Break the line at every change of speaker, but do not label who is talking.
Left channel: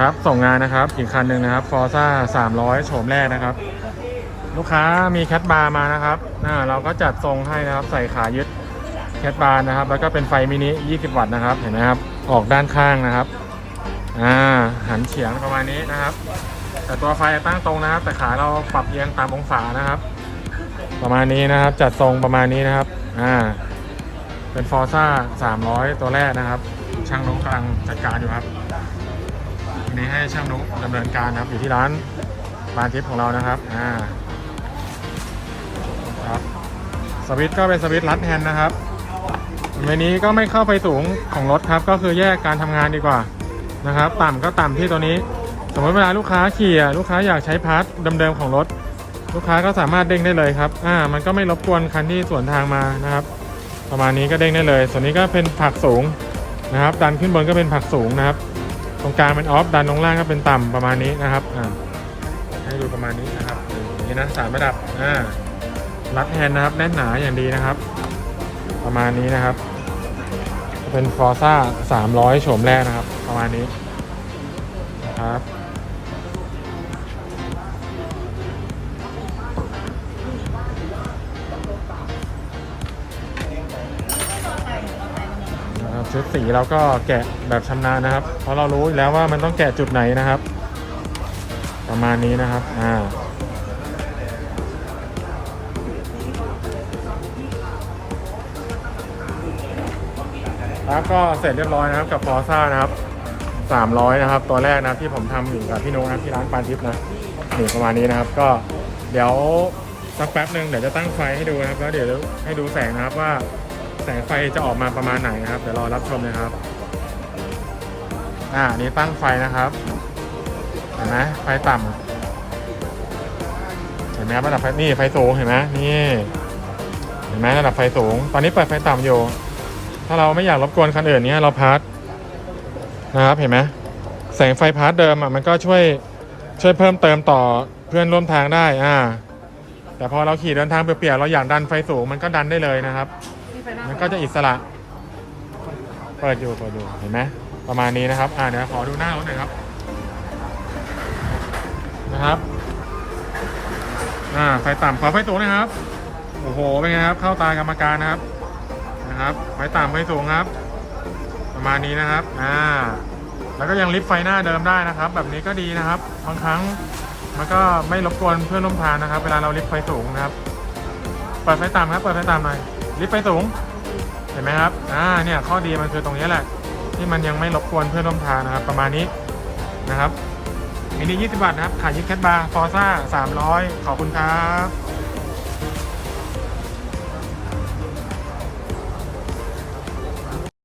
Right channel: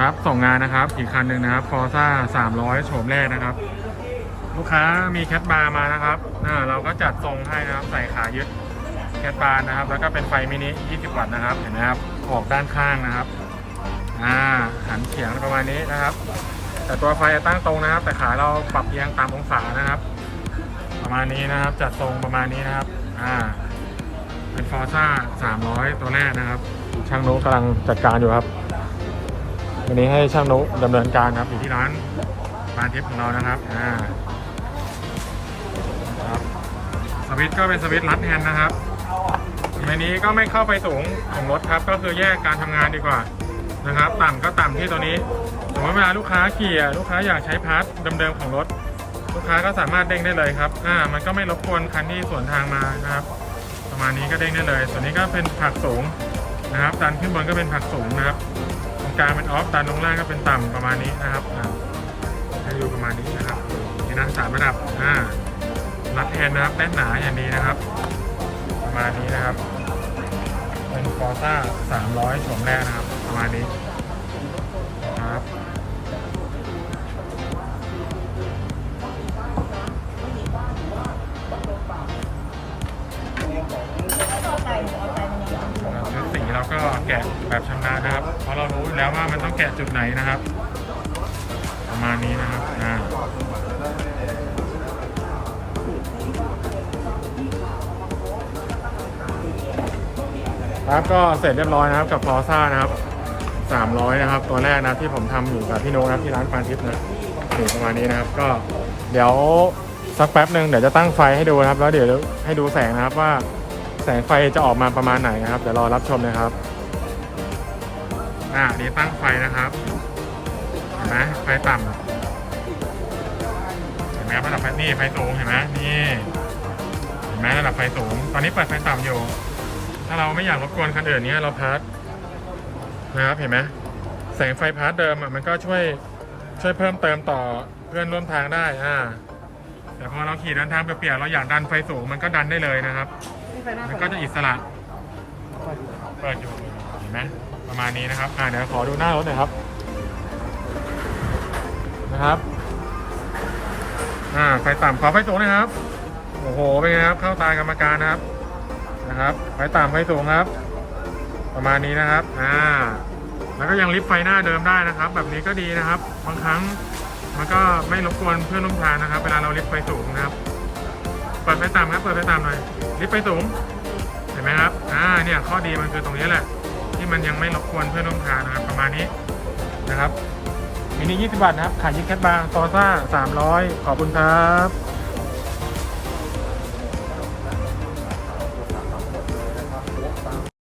ครับส่งงานนะครับอีกคันหนึ่งนะครับฟอร์ซ่า300โฉมแรกนะครับ ลูกค้ามีแคทบาร์มานะครับอ่าเราก็จัดทรงให้นะครับใส่ขายึดแคทบาร์นะครับ แล้วก็เป็นไฟมินิ 20 วัตต์นะครับเห็นไหมครับออกด้านข้างนะครับอ่าหันเฉียงประมาณนี้นะครับ แต่ตัวไฟตั้งตรงนะครับ แต่ขาเราปรับเอียงตามองศานะครับ ประมาณนี้นะครับ จัดทรงประมาณนี้นะครับอ่าเป็นฟอร์ซ่า300 ตัวแรกนะครับ ช่างนุกำลังจัดการอยู่ครับ วันนี้ให้ช่างนุดำเนินการครับอยู่ที่ร้านบาทิพย์ของเรานะครับอ่าครับสวิตก็เป็นสวิตช์รัดแฮนด์นะครับในนี้ก็ไม่เข้าไฟสูงของรถครับ ก็คือแยกการทำงานดีกว่านะครับ ต่ำก็ต่ำที่ตัวนี้ สมมติเวลาลูกค้าขี่ลูกค้าอยากใช้พาร์ทเดิมๆของรถ ลูกค้าก็สามารถเด้งได้เลยครับอ่ามันก็ไม่รบกวนคันที่สวนทางมานะครับ ประมาณนี้ก็เด้งได้เลย ส่วนนี้ก็เป็นผักสูงนะครับดันขึ้นบนก็เป็นผักสูงนะครับ ตรงกลางเป็นออฟดันตรงล่างก็เป็นต่ำประมาณนี้นะครับให้ดูประมาณนี้นะครับนี่นสามระดับอ่ารัดแฮนด์นะครับแน่นหนาอย่างดีนะครับ ประมาณนี้นะครับ เป็นฟอร์ซ่า300โฉมแรกนะครับ ประมาณนี้นะครับ สีเราก็แกะแบบชำนาญนะครับ เพราะเรารู้อยู่แล้วว่ามันต้องแกะจุดไหนนะครับ ประมาณนี้นะครับอ่าครับก็เสร็จเรียบร้อยนะครับกับฟอซ่านะครับ300นะครับตัวแรกนะที่ผมทำอยู่กับพี่โนกนะที่ร้านปานทิพย์นะนี่ประมาณนี้นะครับ ก็เดี๋ยวสักแป๊บหนึ่งเดี๋ยวจะตั้งไฟให้ดูนะครับ แล้วเดี๋ยวให้ดูแสงนะครับว่า แสงไฟจะออกมาประมาณไหนนะครับ เดี๋ยวรอรับชมนะครับ อ่านี่ตั้งไฟนะครับเห็นไหมไฟต่ำเห็นไหมครับระดับไฟนี่ไฟสูงเห็นไหมนี่เห็นไหมระดับไฟสูง ตอนนี้เปิดไฟต่ำอยู่ ถ้าเราไม่อยากรบกวนคันอื่นเนี้ยเราพาร์ทนะครับเห็นไหมแสงไฟพาร์ทเดิมอะมันก็ช่วยช่วยเพิ่มเติมต่อเพื่อนร่วมทางได้อ่าแต่พอเราขี่เดินทางเปลี่ยนๆเราอยากดันไฟสูงมันก็ดันได้เลยนะครับ มันก็จะอิสระเปิดอยู่เปิดอยู่เห็นไหมประมาณนี้นะครับอ่าเดี๋ยวขอดูหน้ารถหน่อยครับ นะครับอ่าไฟต่ำขอไฟสูงหนะครับโอ้โหเป็นไงครับ เข้าตากรรมการนะครับนะครับ ไฟต่ำไฟสูงครับ ประมาณนี้นะครับอ่าแล้วก็ยังลิฟต์ไฟหน้าเดิมได้นะครับ แบบนี้ก็ดีนะครับ บางครั้งมันก็ไม่รบกวนเพื่อนร่วมทางนะครับ เวลาเราลิฟต์ไฟสูงนะครับ เปิดไฟต่ำครับ เปิดไฟต่ำหน่อย ลิฟต์ไปสูง เห็นไหมครับ อ่า เนี่ยข้อดีมันคือตรงนี้แหละ ที่มันยังไม่รบกวนเพื่อนร่วมทางนะครับ ประมาณนี้นะครับมินิ20 บาทนะครับ ขายยิงแคทบาร์ฟอร์ซ่า300 ขอบคุณครับ